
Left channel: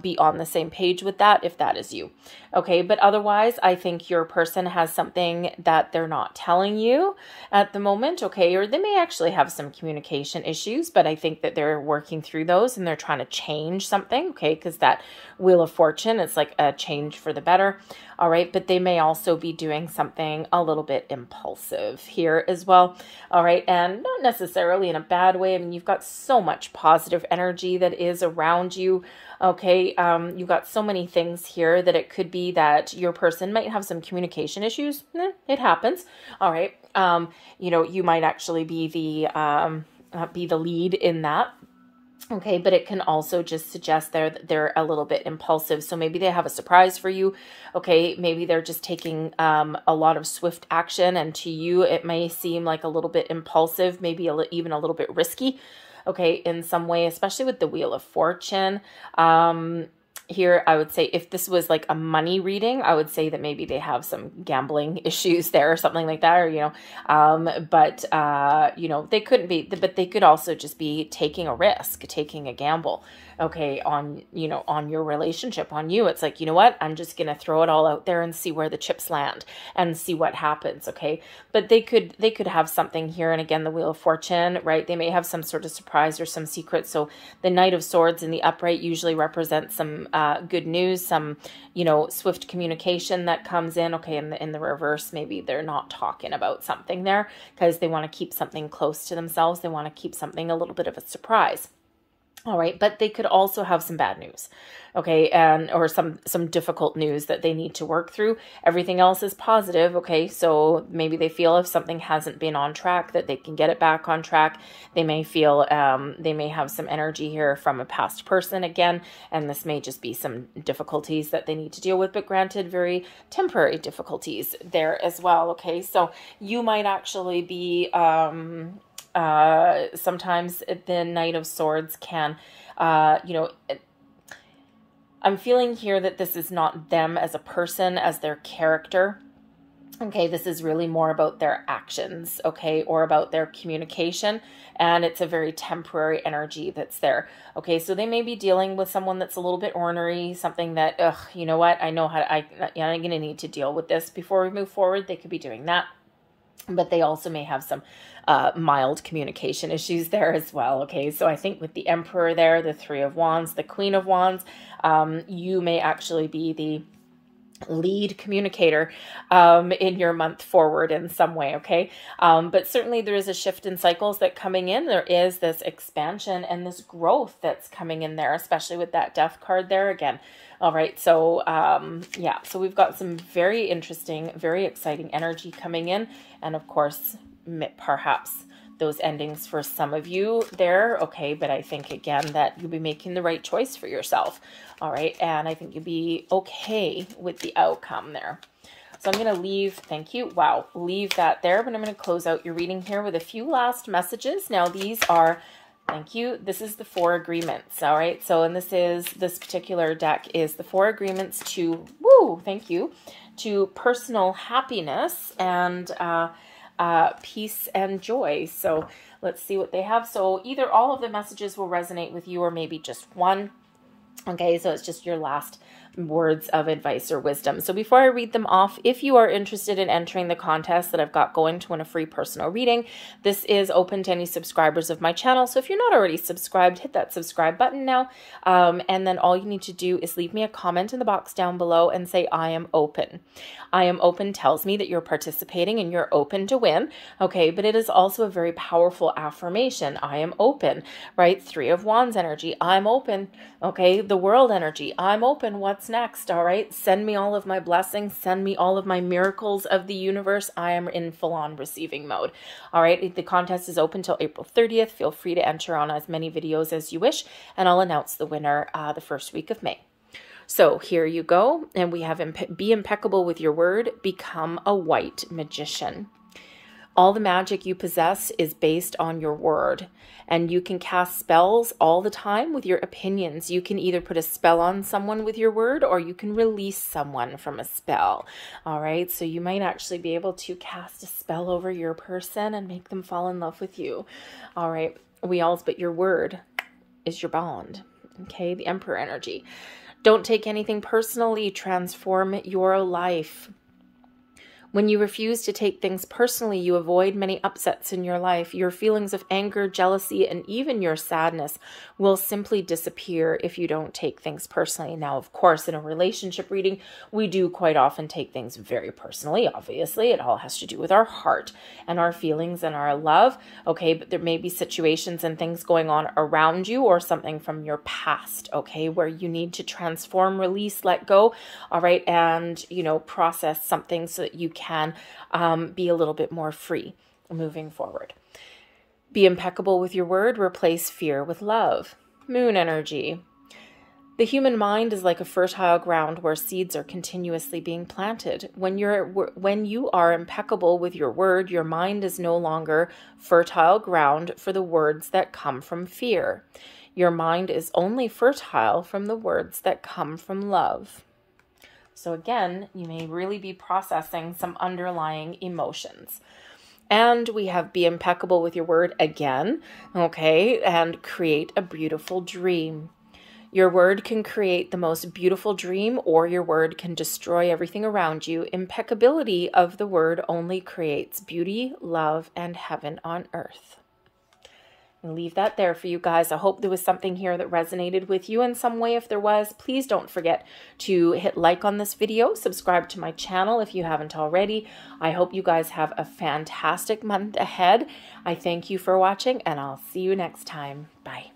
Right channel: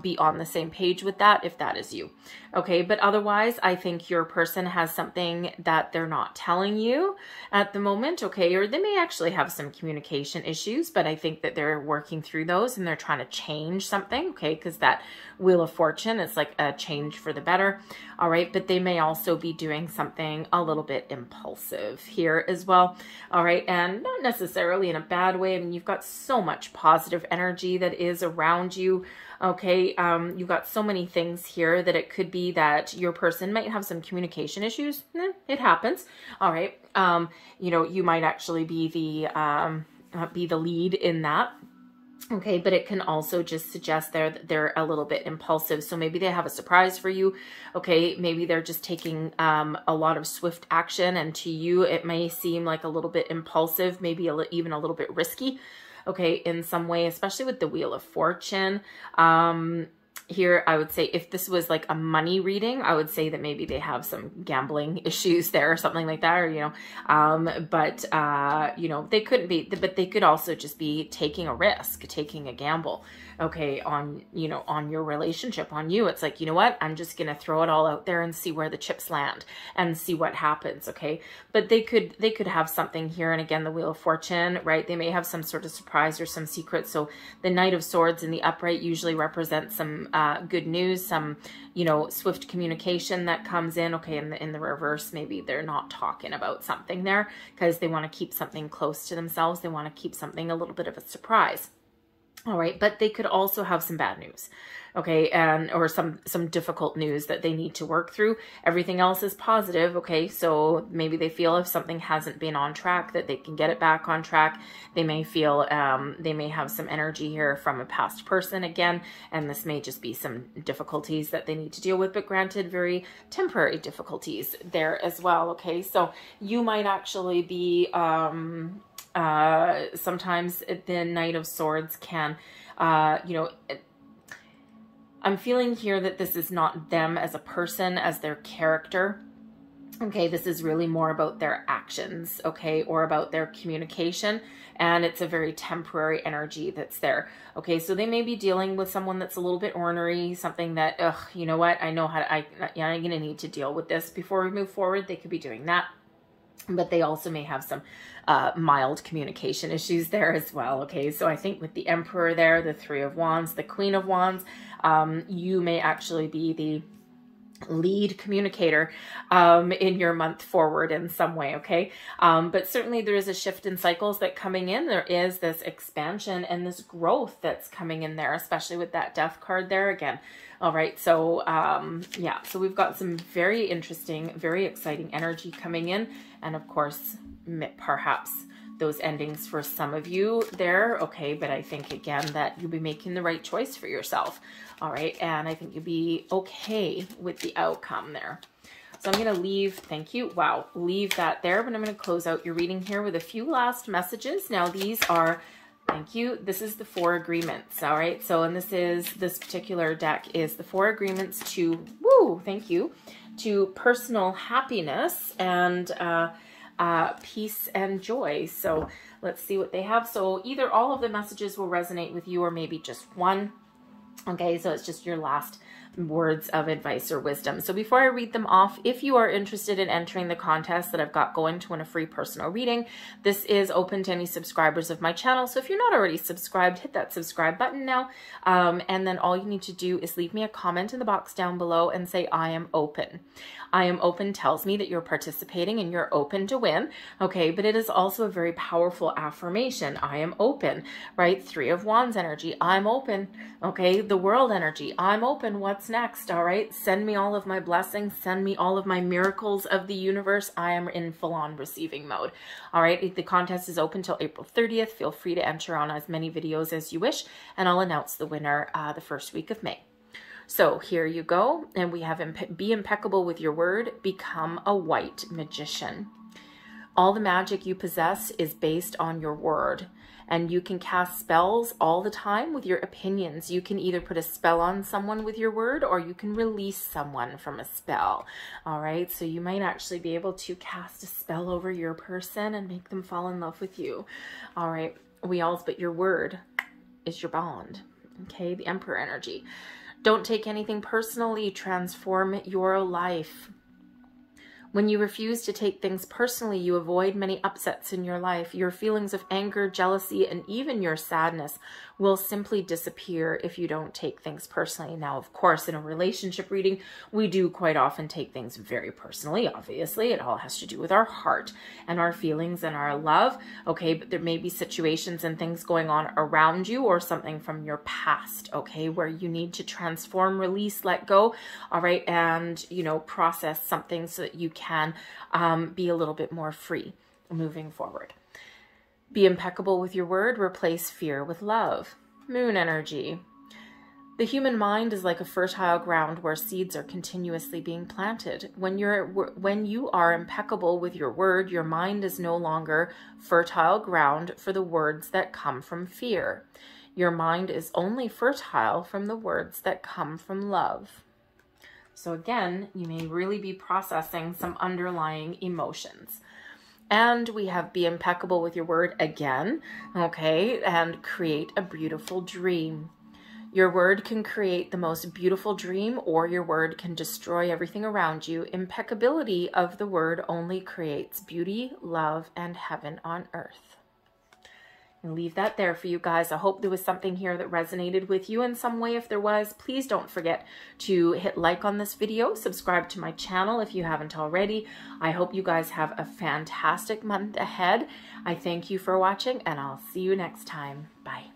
be on the same page with that if that is you. Okay, but otherwise, I think your person has something that they're not telling you at the moment, okay? Or they may actually have some communication issues, but I think that they're working through those and they're trying to change something, okay? Because that Wheel of Fortune, it's like a change for the better. All right. But they may also be doing something a little bit impulsive here as well. All right. And not necessarily in a bad way. I mean, you've got so much positive energy that is around you. Okay. You've got so many things here that it could be that your person might have some communication issues. It happens. All right. You know, you might actually be the lead in that. Okay, but it can also just suggest they're a little bit impulsive. So maybe they have a surprise for you. Okay, maybe they're just taking a lot of swift action, and to you it may seem like a little bit impulsive, maybe even a little bit risky. Okay, in some way, especially with the Wheel of Fortune. Here, I would say if this was like a money reading, I would say that maybe they have some gambling issues there or something like that, or, you know, you know, they couldn't be, but they could also just be taking a risk, taking a gamble. Okay, on, you know, on your relationship, on you. It's like, you know what, I'm just going to throw it all out there and see where the chips land and see what happens. Okay. But they could have something here. And again, the Wheel of Fortune, right? They may have some sort of surprise or some secret. So the Knight of Swords in the upright usually represents some good news, some, you know, swift communication that comes in. Okay. In the reverse, maybe they're not talking about something there because they want to keep something close to themselves. They want to keep something a little bit of a surprise. All right. But they could also have some bad news. Okay. Or some difficult news that they need to work through. Everything else is positive. Okay. So maybe they feel if something hasn't been on track that they can get it back on track. They may feel, they may have some energy here from a past person again, and this may just be some difficulties that they need to deal with, but granted, very temporary difficulties there as well. Okay. So you might actually be, sometimes the Knight of Swords can, you know, I'm feeling here that this is not them as a person, as their character. Okay, this is really more about their actions, okay, or about their communication, and it's a very temporary energy that's there. Okay, so they may be dealing with someone that's a little bit ornery, something that, ugh, you know what, I know how to, I'm going to need to deal with this before we move forward. They could be doing that, but they also may have some mild communication issues there as well. Okay, so I think with the Emperor there, the Three of Wands, the Queen of Wands, you may actually be the lead communicator in your month forward in some way. Okay, but certainly there is a shift in cycles that coming in. There is this expansion and this growth that's coming in there, especially with that Death card there again. All right, so yeah, so we've got some very interesting, very exciting energy coming in, and of course, perhaps those endings for some of you there. Okay, but I think again that you'll be making the right choice for yourself. All right, and I think you'll be okay with the outcome there. So I'm going to leave, thank you, wow, leave that there, but I'm going to close out your reading here with a few last messages. Now these are, thank you, this is the 4 agreements, all right? So, and this particular deck is the 4 agreements to, woo, thank you, to personal happiness and peace and joy. So let's see what they have. So either all of the messages will resonate with you or maybe just one. Okay, so it's just your last words of advice or wisdom. So before I read them off, if you are interested in entering the contest that I've got going to win a free personal reading, this is open to any subscribers of my channel. So if you're not already subscribed, hit that subscribe button now. And then all you need to do is leave me a comment in the box down below and say, I am open. I am open tells me that you're participating and you're open to win. Okay, but it is also a very powerful affirmation. I am open, right? 3 of Wands energy. I'm open. Okay, the World energy. I'm open. What's next? All right, send me all of my blessings. Send me all of my miracles of the universe. I am in full-on receiving mode. All right, the contest is open till April 30th. Feel free to enter on as many videos as you wish, and I'll announce the winner the first week of May. So here you go, and we have be impeccable with your word, become a white magician. All the magic you possess is based on your word, and you can cast spells all the time with your opinions. You can either put a spell on someone with your word, or you can release someone from a spell. All right, so you might actually be able to cast a spell over your person and make them fall in love with you. All right, but your word is your bond. Okay, the Emperor energy. Don't take anything personally. Transform your life. When you refuse to take things personally, you avoid many upsets in your life. Your feelings of anger, jealousy, and even your sadness will simply disappear if you don't take things personally. Now, of course, in a relationship reading, we do quite often take things very personally. Obviously, it all has to do with our heart and our feelings and our love. Okay, but there may be situations and things going on around you or something from your past, okay, where you need to transform, release, let go, all right, and, process something so that you can be a little bit more free moving forward. Be impeccable with your word. Replace fear with love. Moon energy. The human mind is like a fertile ground where seeds are continuously being planted. When you are impeccable with your word, your mind is no longer fertile ground for the words that come from fear. Your mind is only fertile from the words that come from love. So again, you may really be processing some underlying emotions. And we have be impeccable with your word again, okay, and create a beautiful dream. Your word can create the most beautiful dream, or your word can destroy everything around you. Impeccability of the word only creates beauty, love, and heaven on earth. And leave that there for you guys. I hope there was something here that resonated with you in some way. If there was, please don't forget to hit like on this video, subscribe to my channel if you haven't already. I hope you guys have a fantastic month ahead. I thank you for watching, and I'll see you next time. Bye.